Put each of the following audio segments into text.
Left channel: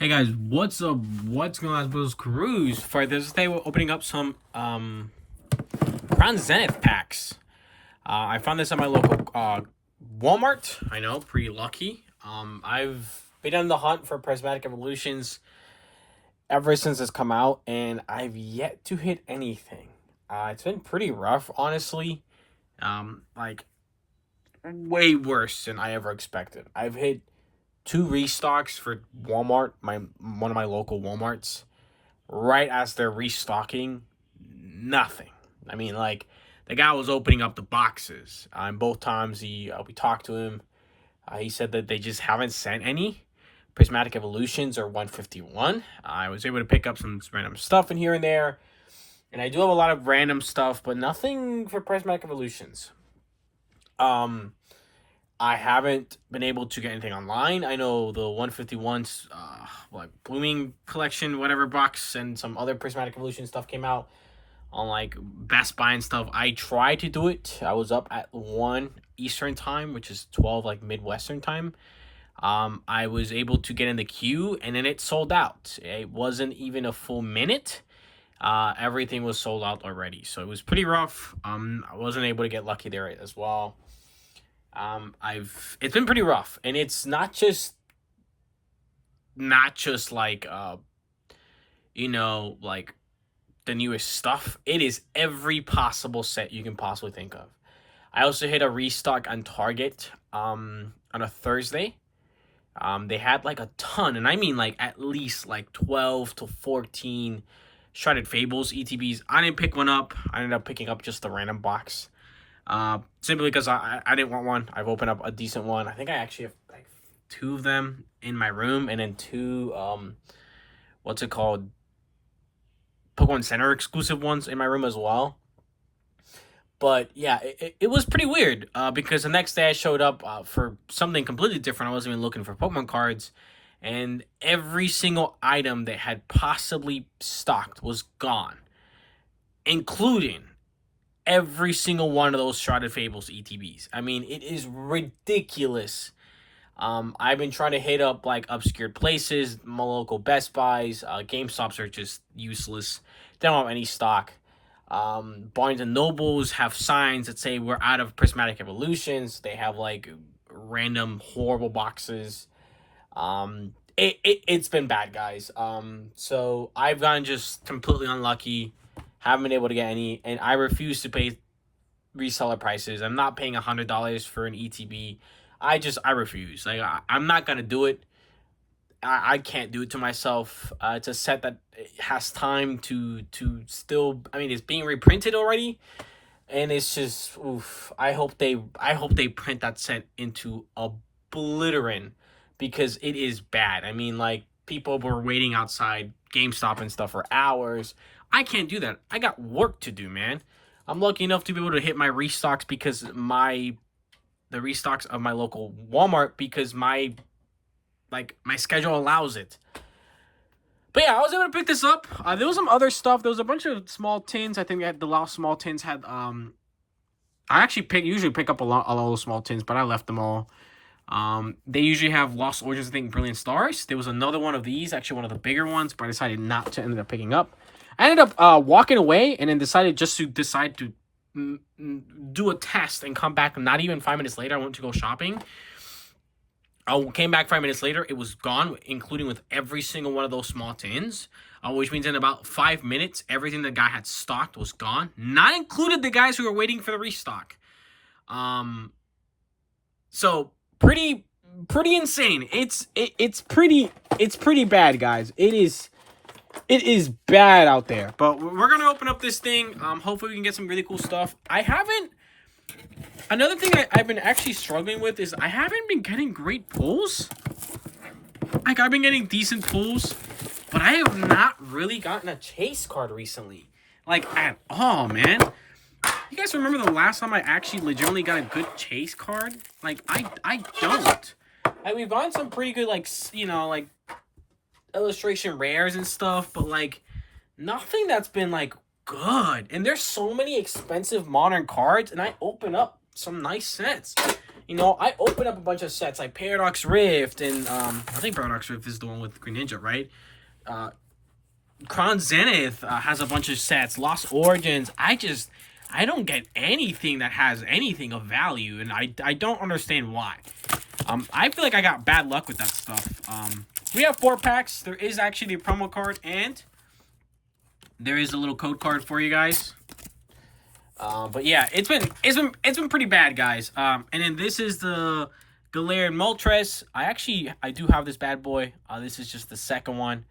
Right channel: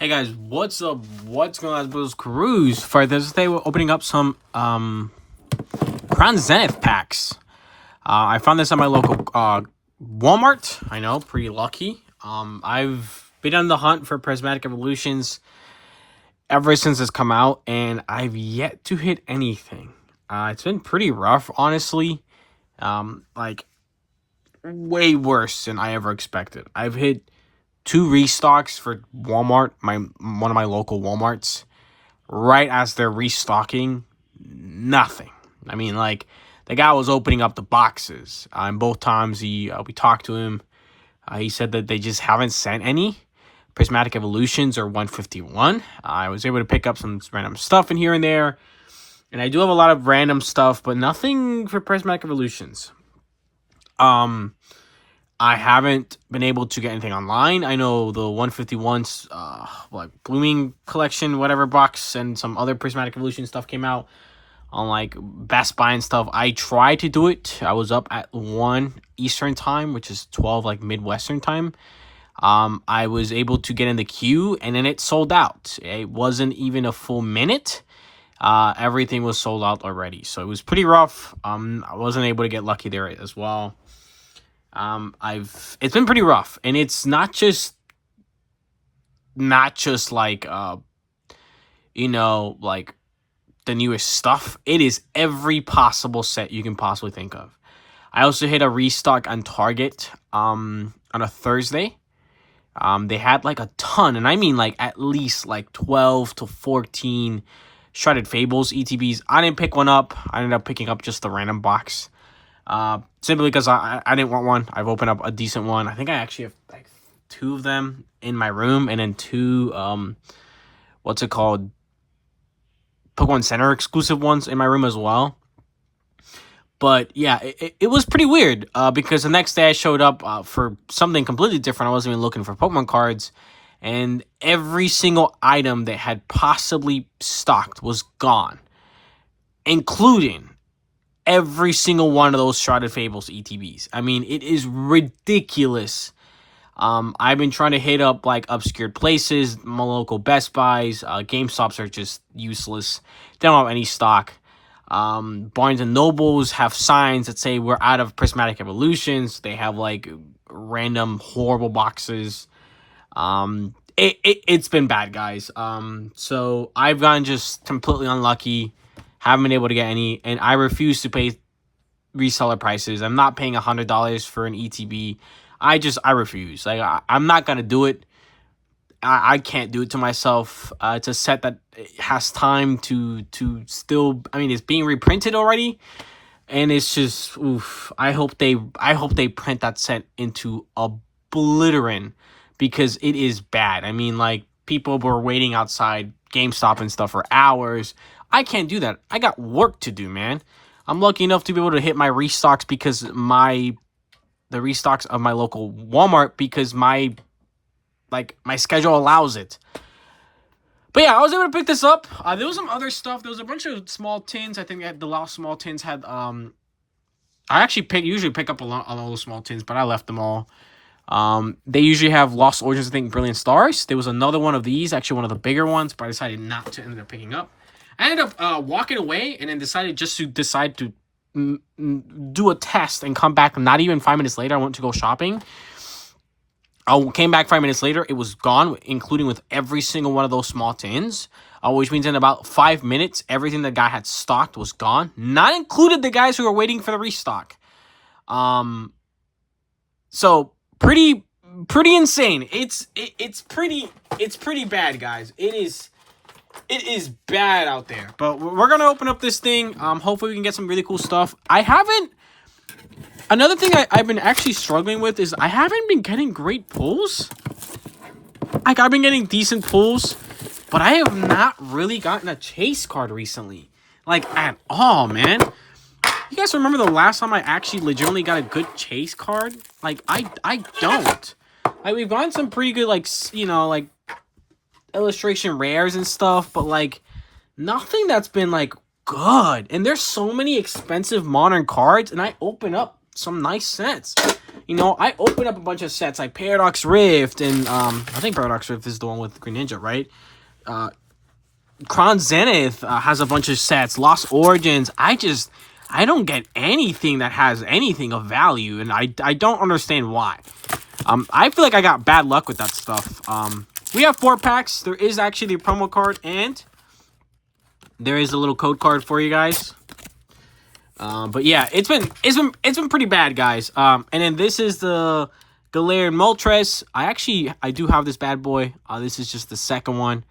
Hey guys, what's up? What's going on, Bros Cruise? For this day, we're opening up some Crown Zenith packs. I found this at my local Walmart. I know, pretty lucky. I've been on the hunt for Prismatic Evolutions ever since it's come out, and I've yet to hit anything. It's been pretty rough, honestly. Like way worse than I ever expected. I've hit 2 restocks for Walmart, one of my local Walmarts, right as they're restocking. Nothing. I mean, like, the guy was opening up the boxes. And both times we talked to him, he said that they just haven't sent any Prismatic Evolutions or 151. I was able to pick up some random stuff in here and there. And I do have a lot of random stuff, but nothing for Prismatic Evolutions. I haven't been able to get anything online. I know the 151's like Blooming Collection, whatever box, and some other Prismatic Evolution stuff came out on like Best Buy and stuff. I tried to do it. I was up at 1 Eastern time, which is 12 like Midwestern time. I was able to get in the queue, and then it sold out. It wasn't even a full minute. Everything was sold out already, so it was pretty rough. I wasn't able to get lucky there as well. It's been pretty rough, and it's not just like like the newest stuff. It is every possible set you can possibly think of. I also hit a restock on Target on a Thursday. They had like a ton, and I mean like at least like 12 to 14 Shredded Fables ETBs. I didn't pick one up. I ended up picking up just the random box. Simply because I didn't want one. I've opened up a decent one. I think I actually have like 2 of them in my room, and then 2 what's it called, Pokemon Center exclusive ones in my room as well. But yeah, it was pretty weird because the next day I showed up for something completely different. I wasn't even looking for Pokemon cards, and every single item that had possibly stocked was gone, including every single one of those Shrouded Fables ETBs. I mean, it is ridiculous. I've been trying to hit up like obscured places, my local Best Buys. GameStops are just useless. They don't have any stock. Barnes and Nobles have signs that say we're out of Prismatic Evolutions. They have like random horrible boxes. It's been bad, guys. So I've gotten just completely unlucky. Haven't been able to get any, and I refuse to pay reseller prices. I'm not paying $100 for an ETB. I refuse. Like, I'm not gonna do it. I can't do it to myself. It's a set that has time to still. I mean, it's being reprinted already, and it's just oof. I hope they print that set into oblivion, because it is bad. I mean, like, people were waiting outside GameStop and stuff for hours. I can't do that. I got work to do, man. I'm lucky enough to be able to hit my restocks because the restocks of my local Walmart, because my schedule allows it. But yeah, I was able to pick this up. There was some other stuff. There was a bunch of small tins. I think the last small tins had I actually usually pick up a lot of those small tins, but I left them all. They usually have Lost Origins, I think, Brilliant Stars. There was another one of these, actually one of the bigger ones, but I decided not to end up picking up. I ended up walking away, and then decided to do a test and come back. Not even 5 minutes later, I went to go shopping. I came back 5 minutes later. It was gone, including with every single one of those small tins, which means in about 5 minutes, everything the guy had stocked was gone. Not included the guys who were waiting for the restock. So pretty insane. It's pretty bad, guys. It is bad out there. But we're gonna open up this thing. Hopefully we can get some really cool stuff. Another thing I've been actually struggling with is I haven't been getting great pulls. Like, I've been getting decent pulls, but I have not really gotten a chase card recently. Like, at all, man. You guys remember the last time I actually legitimately got a good chase card? Like, I don't. Like, we've gotten some pretty good, like, like, illustration rares and stuff, but, like, nothing that's been, like, good. And there's so many expensive modern cards, and I open up some nice sets. you know, I opened up a bunch of sets like Paradox Rift and I think Paradox Rift is the one with Green Ninja, right? Crown Zenith has a bunch of sets. Lost Origins. I don't get anything that has anything of value, and I don't understand why. I feel like I got bad luck with that stuff. We have 4 packs. There is actually a promo card, and there is a little code card for you guys. But yeah, it's been pretty bad, guys. And then this is the Galarian Moltres. I do have this bad boy. This is just the second one.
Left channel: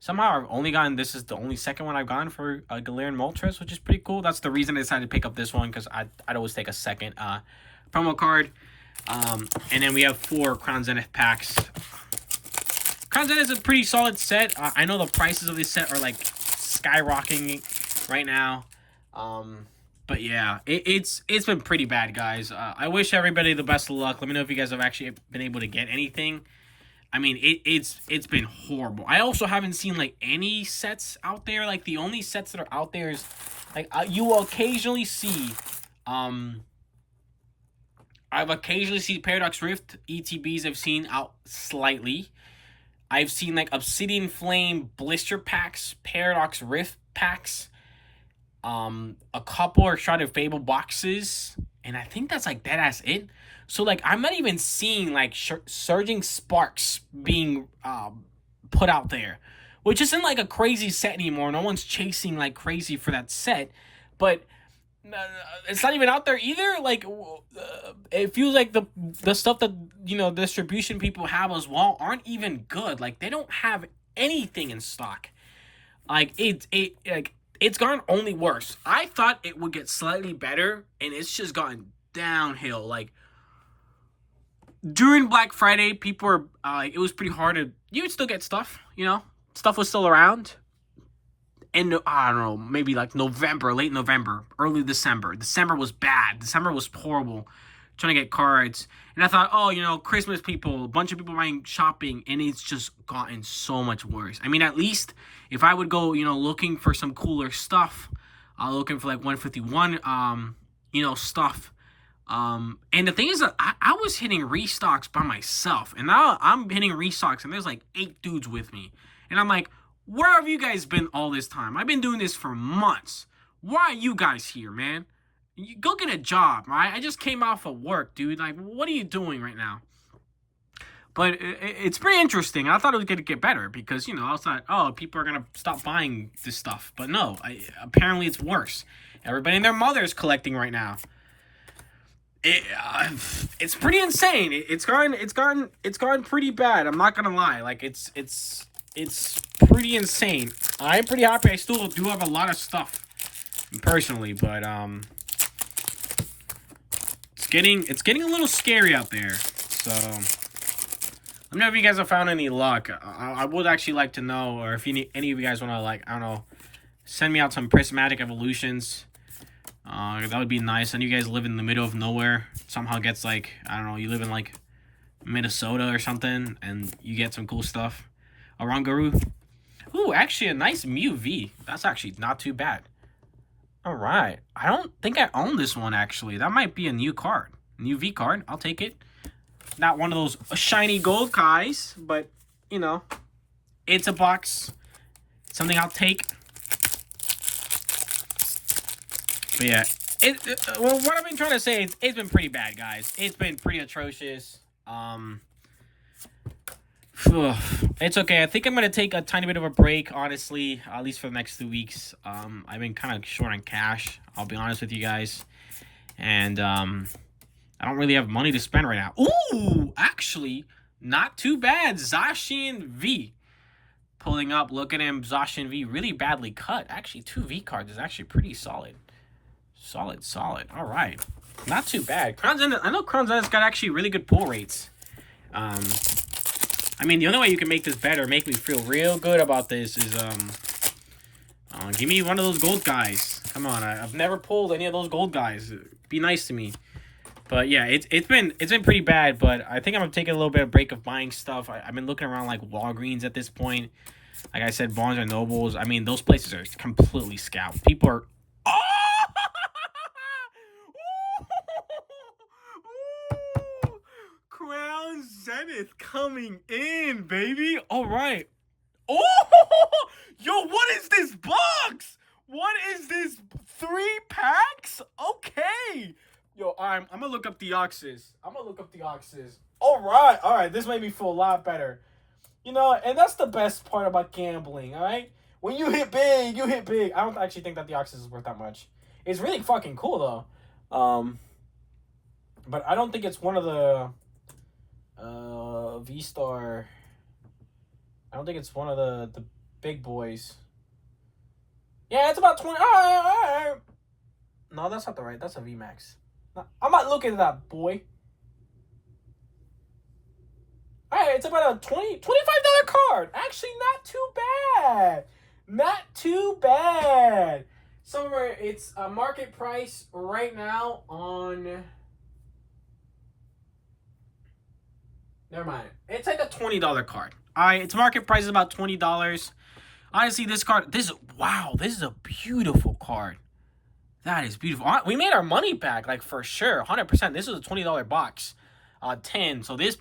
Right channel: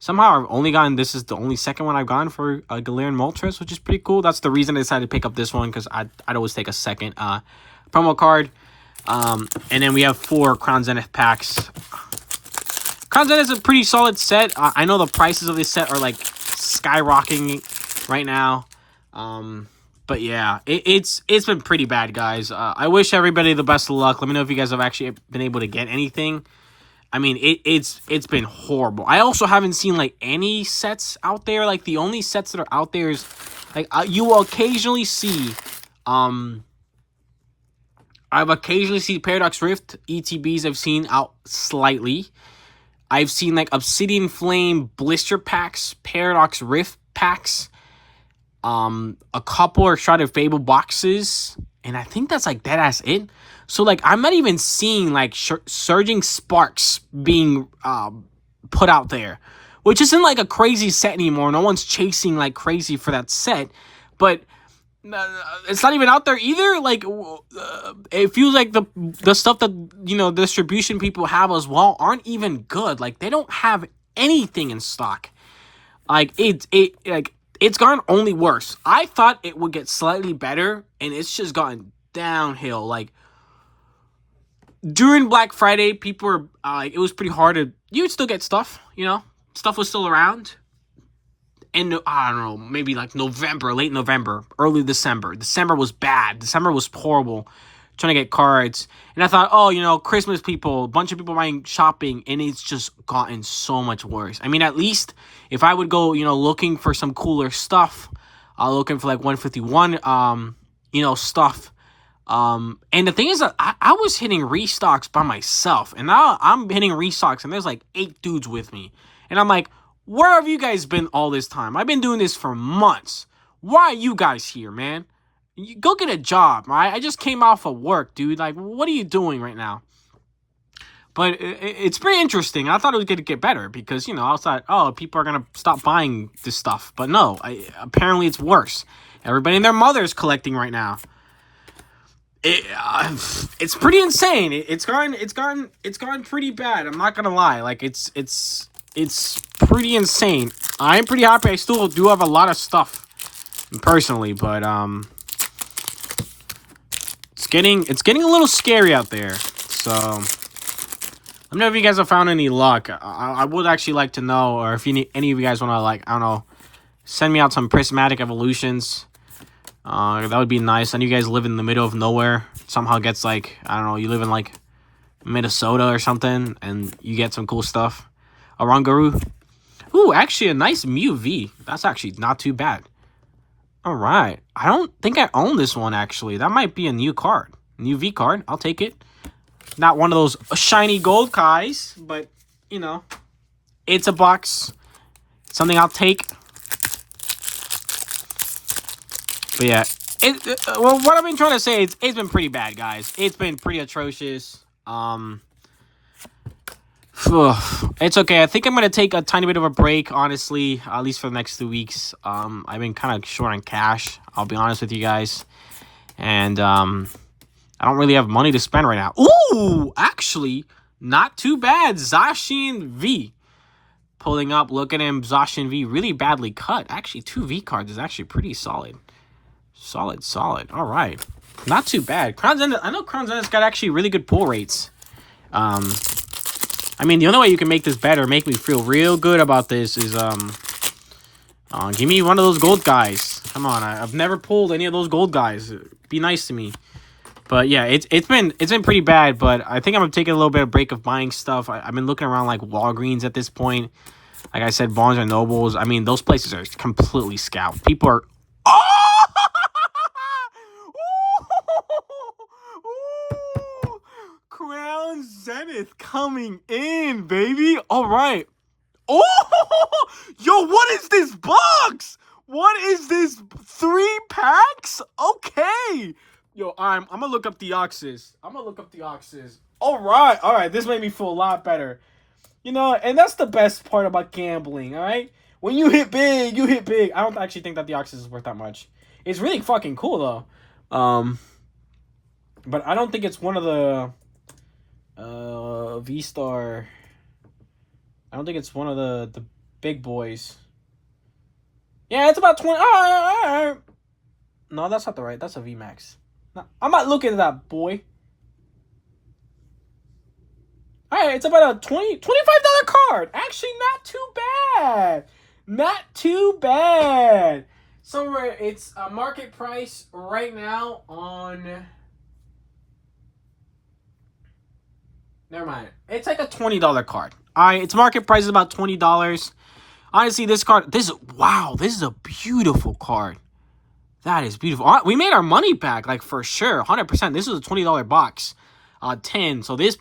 Somehow I've only gotten, this is the only second one I've gotten for Galarian Moltres, which is pretty cool. That's the reason I decided to pick up this one, because I'd always take a second promo card. And then we have 4 Crown Zenith packs. Crown Zenith is a pretty solid set. I know the prices of this set are like skyrocketing right now. But yeah, it's been pretty bad, guys. I wish everybody the best of luck. Let me know if you guys have actually been able to get anything. I mean, it's been horrible. I also haven't seen like any sets out there. Like the only sets that are out there is like you will occasionally see. I've occasionally seen Paradox Rift ETBs. I've seen out slightly. I've seen like Obsidian Flame blister packs, Paradox Rift packs. A couple are Shrouded Fable boxes, and I think that's like deadass it. So like I'm not even seeing like Surging Sparks being put out there, which isn't like a crazy set anymore. No one's chasing like crazy for that set, but it's not even out there either. Like it feels like the stuff that, you know, distribution people have as well aren't even good. Like they don't have anything in stock. Like it's gotten only worse. I thought it would get slightly better, and it's just gotten downhill. Like during Black Friday, people were it was pretty hard to, you would still get stuff, you know, stuff was still around. And I don't know, maybe like November, late November, early December. December was bad. December was horrible. Trying to get cards, and I thought, oh, you know, Christmas people, a bunch of people buying shopping, and it's just gotten so much worse. I mean, at least if I would go, you know, looking for some cooler stuff, looking for like 151, you know, stuff. And the thing is that I was hitting restocks by myself, and now I'm hitting restocks, and there's like 8 dudes with me, and I'm like, where have you guys been all this time? I've been doing this for months. Why are you guys here, man? You go get a job, right? I just came off of work, dude. Like, what are you doing right now? But it's pretty interesting. I thought it was going to get better because, you know, I was like, oh, people are going to stop buying this stuff. But no, apparently it's worse. Everybody and their mother is collecting right now. It's pretty insane. It's gone pretty bad. I'm not going to lie. Like, it's pretty insane. I'm pretty happy. I still do have a lot of stuff personally, but it's getting a little scary out there. So let me know if you guys have found any luck. I would actually like to know, or if any of you guys want to, like, I don't know, send me out some prismatic evolutions. That would be nice. I know you guys live in the middle of nowhere. Somehow gets like, I don't know, you live in like Minnesota or something, and you get some cool stuff. Orangaru. Ooh, actually a nice Mew V. That's actually not too bad. All right. I don't think I own this one, actually. That might be a new card. New V card. I'll take it. Not one of those shiny gold guys, but, you know, it's a box. Something I'll take. But yeah. Well, what I've been trying to say is it's been pretty bad, guys. It's been pretty atrocious. It's okay. I think I'm going to take a tiny bit of a break, honestly, at least for the next 2 weeks. I've been kind of short on cash, I'll be honest with you guys. And I don't really have money to spend right now. Ooh, actually, not too bad. Zacian V. Pulling up, look at him. Zacian V, really badly cut. Actually, 2 V cards is actually pretty solid. Solid. All right. Not too bad. Crown Zenith, I know Crown Zenith's got actually really good pull rates. I mean, the only way you can make this better, make me feel real good about this is, give me one of those gold guys. Come on, I've never pulled any of those gold guys. Be nice to me. But yeah, it's been pretty bad. But I think I'm gonna take a little bit of break of buying stuff. I've been looking around like Walgreens at this point. Like I said, Barnes and Nobles. I mean, those places are completely scalped. People are. Oh! Zenith coming in, baby. All right. Oh, yo, what is this box? What is this? 3 packs? Okay. Yo, I'm gonna look up the Oxys. All right. This made me feel a lot better. You know, and that's the best part about gambling, all right? When you hit big, you hit big. I don't actually think that the Oxys is worth that much. It's really fucking cool, though. But I don't think it's one of the V-Star. I don't think it's one of the big boys. Yeah, it's about 20. No, that's not the right. That's a VMAX. No, I'm not looking at that, boy. All right, it's about a $25 card. Actually, not too bad. Not too bad. Somewhere it's a market price right now on. Never mind. It's like a $20 card. All right, its market price is about $20. Honestly, this card, this is a beautiful card. That is beautiful. We made our money back, like, for sure, 100%. This was a $20 box, 10. So this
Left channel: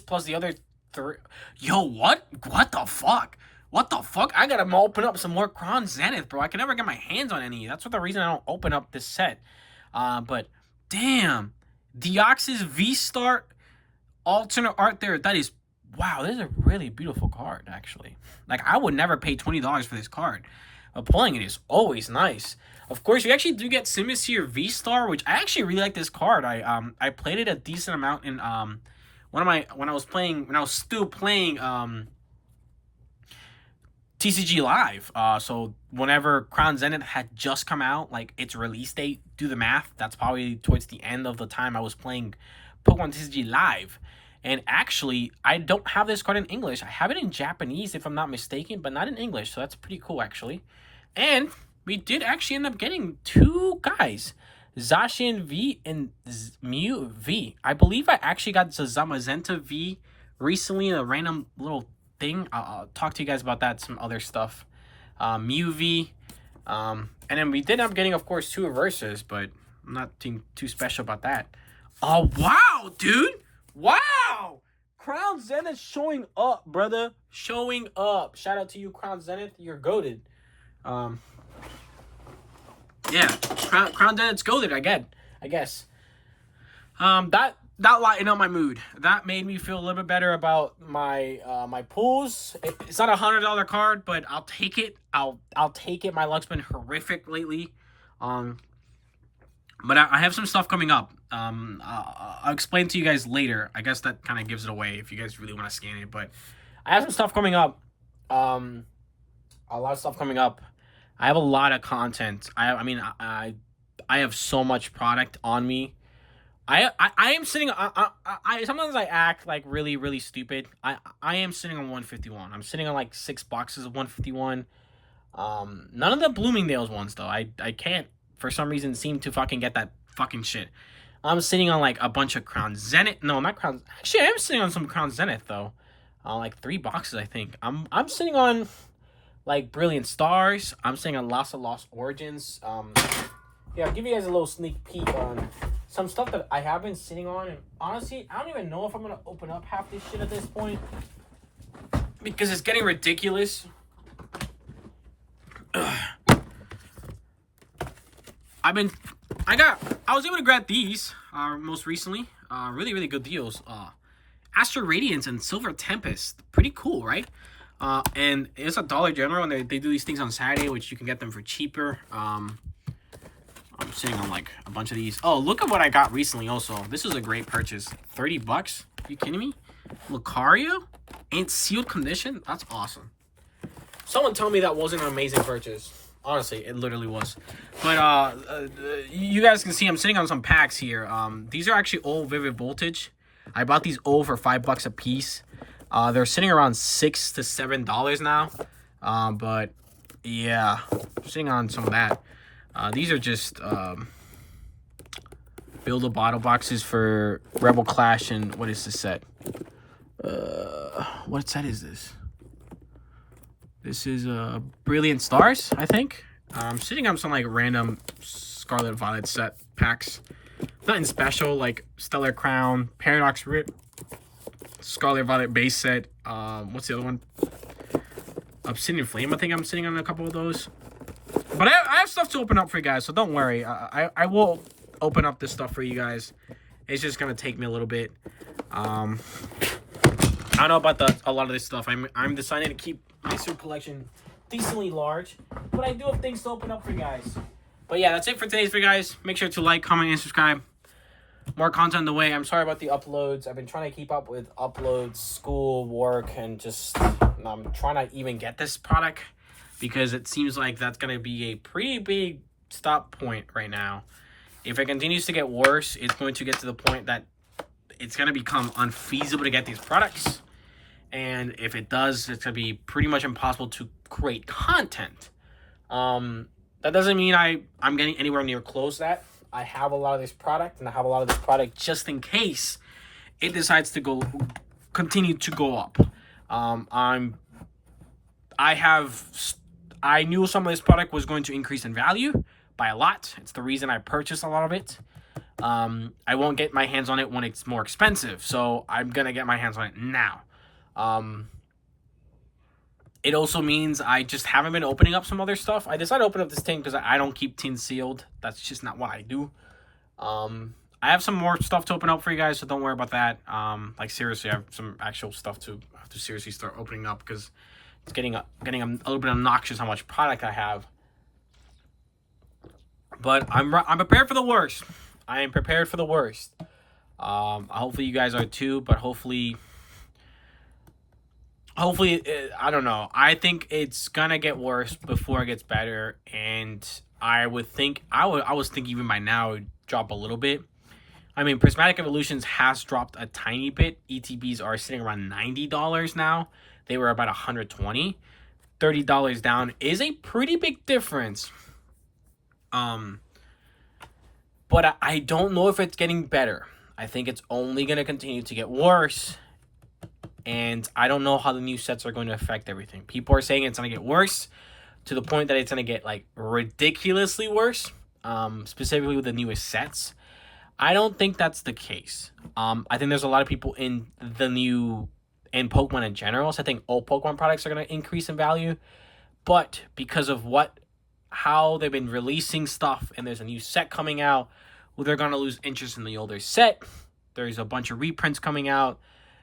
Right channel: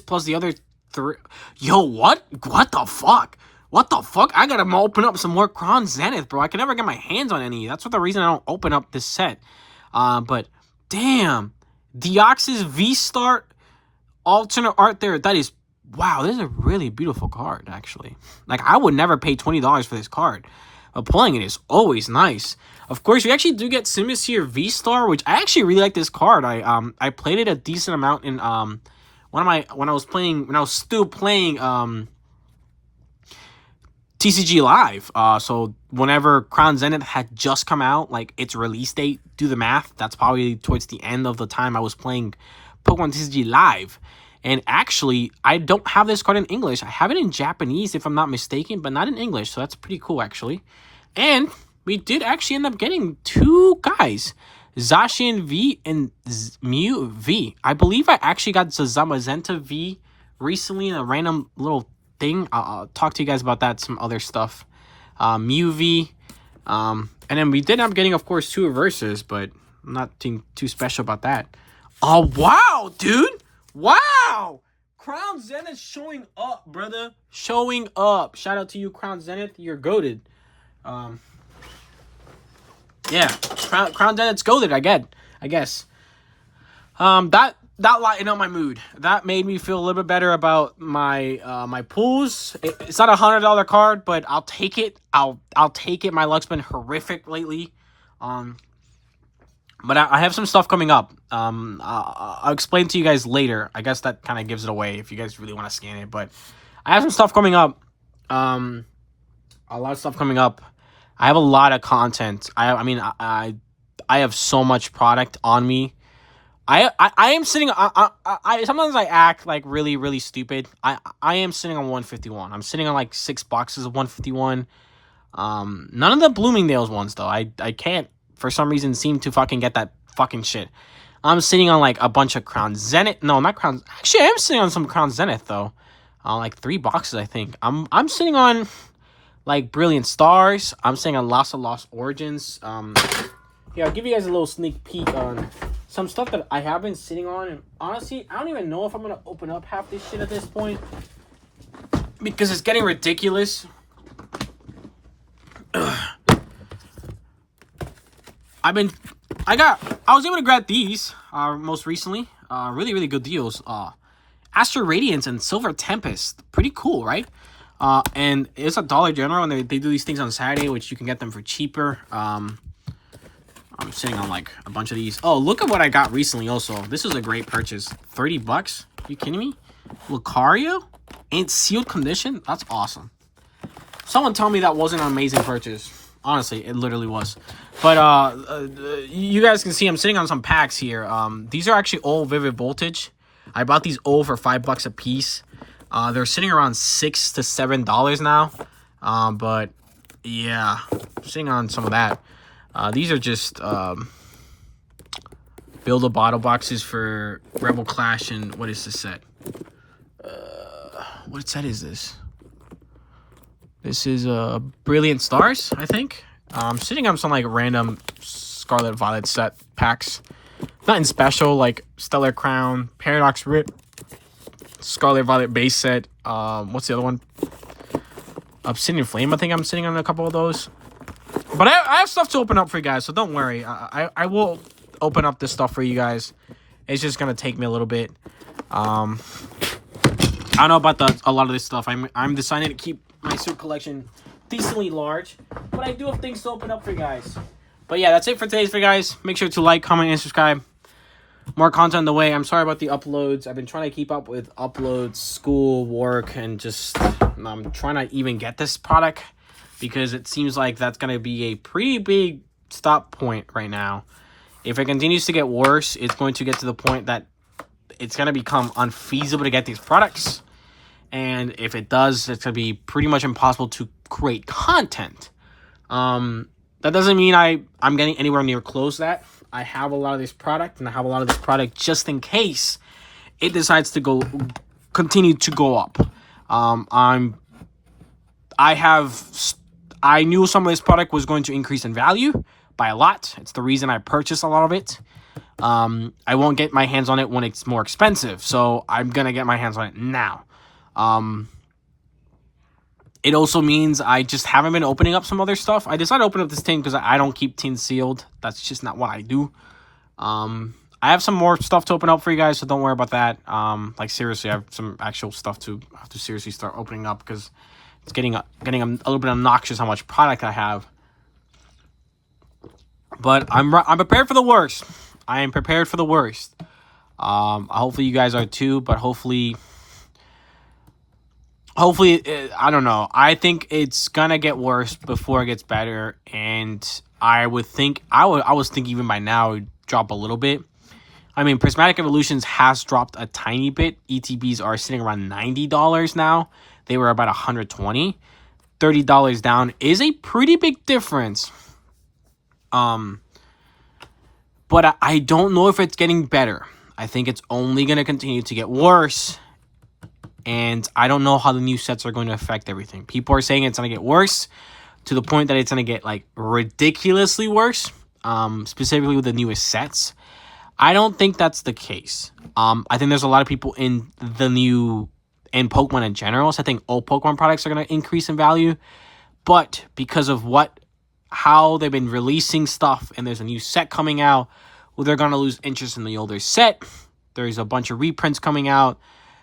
plus the other 3. Yo, what? What the fuck? What the fuck? I gotta open up some more Crown Zenith, bro. I can never get my hands on any. That's what the reason I don't open up this set. But damn, Deoxys V-Star alternate art there. That is, wow, this is a really beautiful card, actually. Like, I would never pay $20 for this card. But pulling it is always nice. Of course, we actually do get Simus here V-Star, which I actually really like this card. I played it a decent amount in when I was still playing TCG Live. So whenever Crown Zenith had just come out, like its release date, do the math, that's probably towards the end of the time I was playing Pokemon TCG Live. And actually, I don't have this card in English. I have it in Japanese, if I'm not mistaken, but not in English. So that's pretty cool, actually. And we did actually end up getting 2 guys, Zacian V and Mew V. I believe I actually got Zamazenta V recently in a random little thing. I'll talk to you guys about that, some other stuff. Mew V. And then we did end up getting, of course, 2 reverses, but I'm not too special about that. Oh, wow, dude. Wow. Crown Zenith showing up, brother. Showing up. Shout out to you, Crown Zenith. You're goated. Yeah, Crown Zenith's goated, I guess. That lightened up my mood. That made me feel a little bit better about my my pools. It's not a $100 card, but I'll take it. I'll take it. My luck's been horrific lately. But I have some stuff coming up. I'll explain to you guys later. I guess that kind of gives it away if you guys really want to scan it. But I have some stuff coming up. A lot of stuff coming up. I have a lot of content. I have so much product on me. I am sitting. I sometimes I act like really stupid. I am sitting on 151. I'm sitting on like 6 boxes of 151. None of the Bloomingdale's ones though. I can't for some reason seem to fucking get that fucking shit. I'm sitting on like a bunch of Crown Zenith. No, not Crown. Actually, I am sitting on some Crown Zenith though. Like 3 boxes I think. I'm sitting on like Brilliant Stars. I'm sitting on Lost Origins. Yeah, I'll give you guys a little sneak peek on some stuff that I have been sitting on. And honestly, I don't even know if I'm going to open up half this shit at this point. Because it's getting ridiculous. I was able to grab these most recently. Really good deals. Astro Radiance and Silver Tempest. Pretty cool, right? And it's a Dollar General, and they do these things on Saturday, which you can get them for cheaper. I'm sitting on like a bunch of these. Oh, look at what I got recently also. This is a great purchase. $30? Are you kidding me? Lucario? In sealed condition? That's awesome. Someone tell me that wasn't an amazing purchase. Honestly, it literally was. But you guys can see I'm sitting on some packs here. These are actually all Vivid Voltage. I bought these all for $5 a piece. They're sitting around $6 to $7 now. But yeah, I'm sitting on some of that. These are just build a bottle boxes for Rebel Clash and what is this set? What set is this? This is Brilliant Stars, I think. I'm sitting on some like random Scarlet Violet set packs. Nothing special like Stellar Crown, Paradox Rip, Scarlet Violet base set. What's the other one? Obsidian Flame. I think I'm sitting on a couple of those. But I have stuff to open up for you guys, so don't worry. I will open up this stuff for you guys. It's just gonna take me a little bit. I don't know about a lot of this stuff. I'm deciding to keep my suit collection decently large, but I do have things to open up for you guys. But yeah, that's it for today's video, guys. Make sure to like, comment, and subscribe. More content on the way. I'm sorry about the uploads. I've been trying to keep up with uploads, school, work, and just I'm trying to even get this product because it seems like that's going to be a pretty big stop point right now. If it continues to get worse, it's going to get to the point that it's going to become unfeasible to get these products. And if it does, it's going to be pretty much impossible to create content. That doesn't mean I'm getting anywhere near close to that. I have a lot of this product, and I have a lot of this product just in case it decides to continue to go up. I knew some of this product was going to increase in value by a lot. It's the reason I purchased a lot of it. I won't get my hands on it when it's more expensive, so I'm gonna get my hands on it now. It also means I just haven't been opening up some other stuff. I decided to open up this tin because I don't keep tins sealed. That's just not what I do. I have some more stuff to open up for you guys, so don't worry about that. Like seriously, I have some actual stuff to have to seriously start opening up because it's getting a little bit obnoxious how much product I have. But I'm prepared for the worst. I am prepared for the worst. Hopefully you guys are too, but hopefully, I don't know. I think it's gonna get worse before it gets better, and I was thinking even by now it would drop a little bit. I mean, Prismatic Evolutions has dropped a tiny bit. ETBs are sitting around $90 now. They were about $120. $30 down is a pretty big difference. But I don't know if it's getting better. I think it's only going to continue to get worse. And I don't know how the new sets are going to affect everything. People are saying it's going to get worse to the point that it's going to get like ridiculously worse. Specifically with the newest sets. I don't think that's the case. I think there's a lot of people in Pokemon in general. So I think all Pokemon products are going to increase in value. But because of how they've been releasing stuff and there's a new set coming out, well, they're going to lose interest in the older set. There's a bunch of reprints coming out,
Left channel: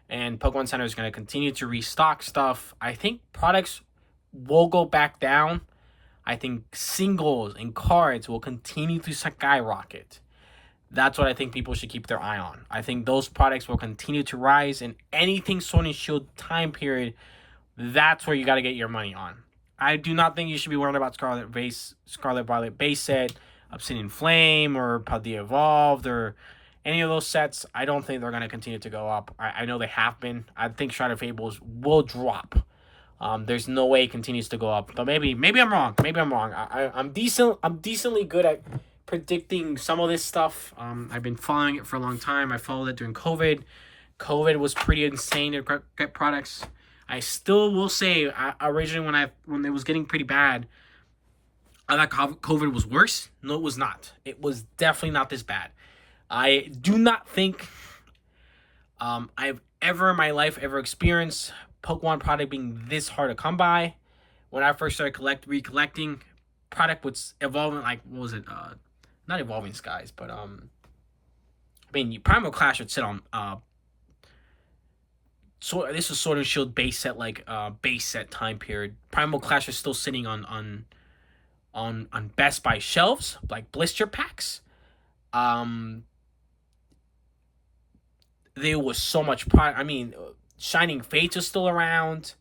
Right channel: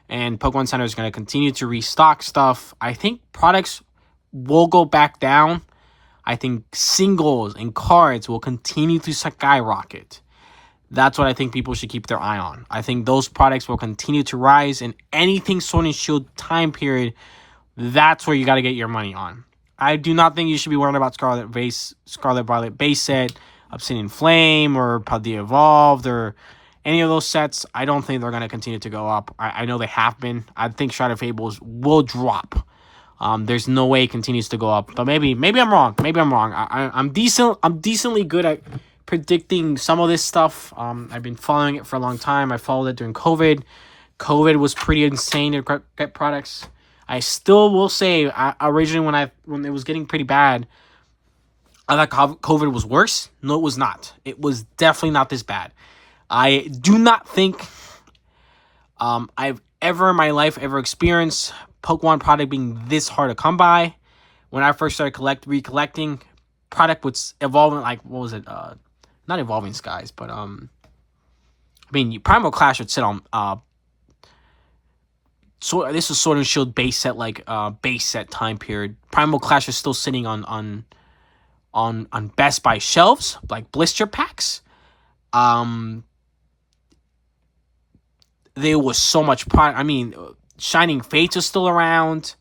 and Pokemon Center is going to continue to restock stuff. I think products will go back down. I think singles and cards will continue to skyrocket. That's what I think people should keep their eye on. I think those products will continue to rise, and anything Sword and Shield time period, that's where you got to get your money on. I do not think you should be worrying about Scarlet Violet base set, Obsidian Flame, or Paldea Evolved, or any of those sets. I don't think they're going to continue to go up. I know they have been. I think Shroud of Fables will drop. There's no way it continues to go up. But maybe I'm wrong. Maybe I'm wrong. I'm decently good at predicting some of this stuff. I've been following it for a long time. I followed it during COVID. COVID was pretty insane to get products. I still will say, originally when it was getting pretty bad, I thought COVID was worse. No, it was not. It was definitely not this bad. I do not think I've ever in my life experienced Pokemon product being this hard to come by. When I first started recollecting, product was evolving, like, what was it? Not Evolving Skies, but I mean, Primal Clash would sit on so this is Sword and Shield base set, like base set time period. Primal Clash is still sitting on Best Buy shelves, like blister packs. There was so much product. I mean, Shining Fates is still around.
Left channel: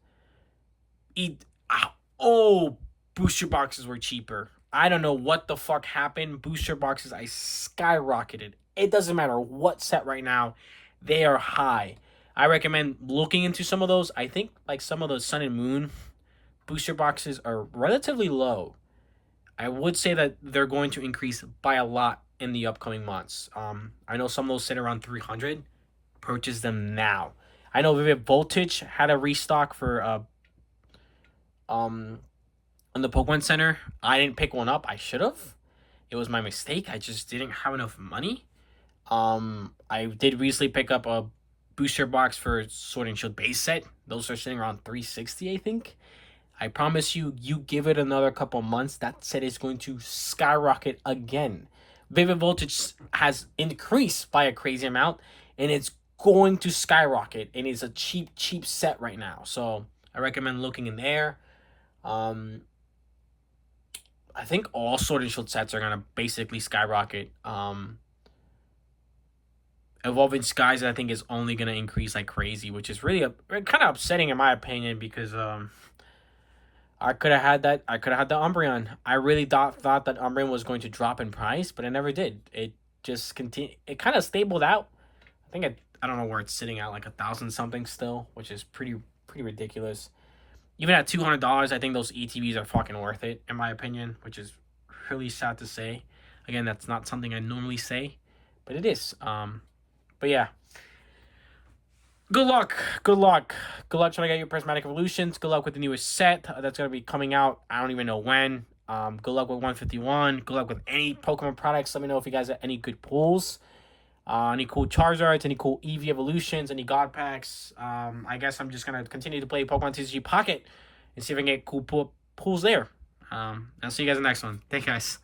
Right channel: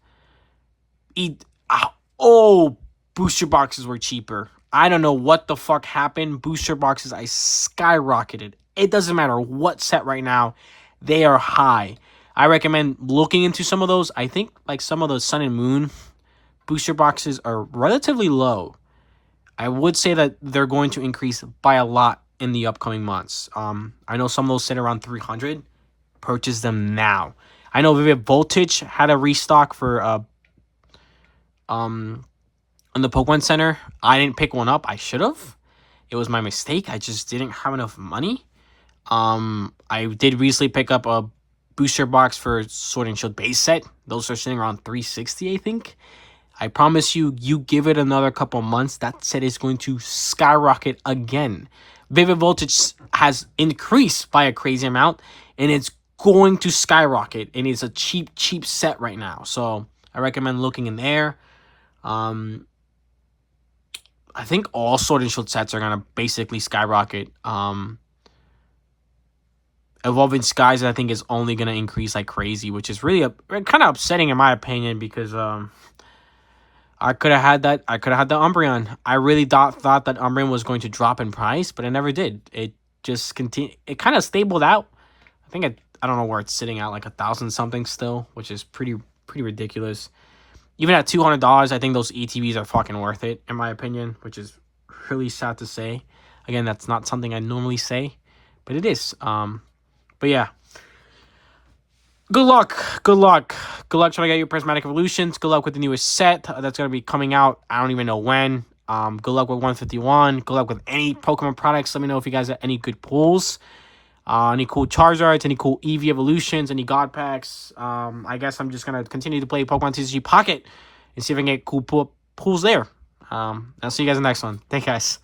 Booster boxes were cheaper. I don't know what the fuck happened. Booster boxes, I skyrocketed. It doesn't matter what set right now. They are high. I recommend looking into some of those. I think like some of those Sun and Moon booster boxes are relatively low. I would say that they're going to increase by a lot in the upcoming months. I know some of those sit around 300. Purchase them now. I know Vivid Voltage had a restock for on the Pokemon Center. I didn't pick one up. I should have. It was my mistake. I just didn't have enough money. I did recently pick up a booster box for Sword and Shield base set. Those are sitting around 360, I think. I promise you, you give it another couple months, that set is going to skyrocket again. Vivid Voltage has increased by a crazy amount, and it's going to skyrocket. And it's a cheap set right now. So I recommend looking in there. I think all Sword and Shield sets are going to basically skyrocket. Evolving Skies, I think, is only going to increase like crazy, which is really kind of upsetting in my opinion, because I could have had that. I could have had the Umbreon. I really thought that Umbreon was going to drop in price, but it never did. It just continued. It kind of stabled out. I think I don't know where it's sitting at, like 1,000 something still, which is pretty ridiculous. Even at $200, I think those ETBs are fucking worth it, in my opinion, which is really sad to say. Again, that's not something I normally say, but it is. But yeah. Good luck. Good luck. Good luck trying to get your Prismatic Evolutions. Good luck with the newest set that's going to be coming out. I don't even know when. Good luck with 151. Good luck with any Pokemon products. Let me know if you guys have any good pulls. Any cool Charizards, any cool Eevee Evolutions, any God Packs. I guess I'm just going to continue to play Pokemon TCG Pocket and see if I can get cool pulls there. I'll see you guys in the next one. Thanks, guys.